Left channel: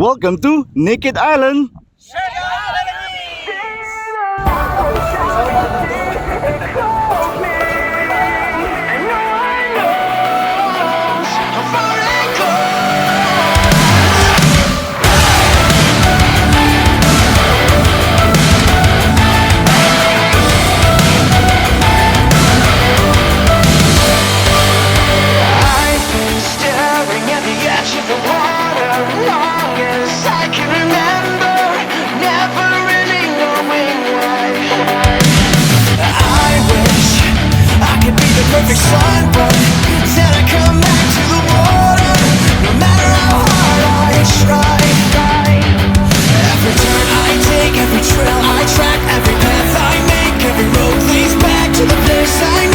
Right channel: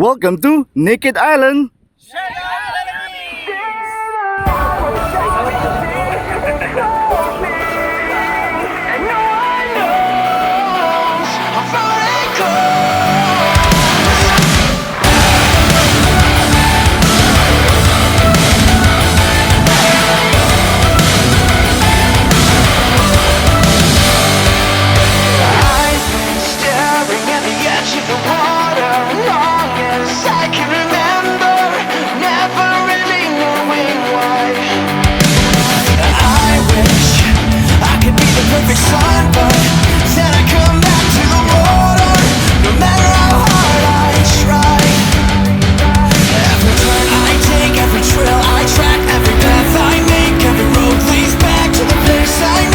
Welcome to Naked Island. Of the water, long as I can remember, never really knowing why. I wish I could be the perfect son, but then I come back to the water, no matter how hard I try. Every turn I take, every trail I track, every path I make, every road leads back to the place I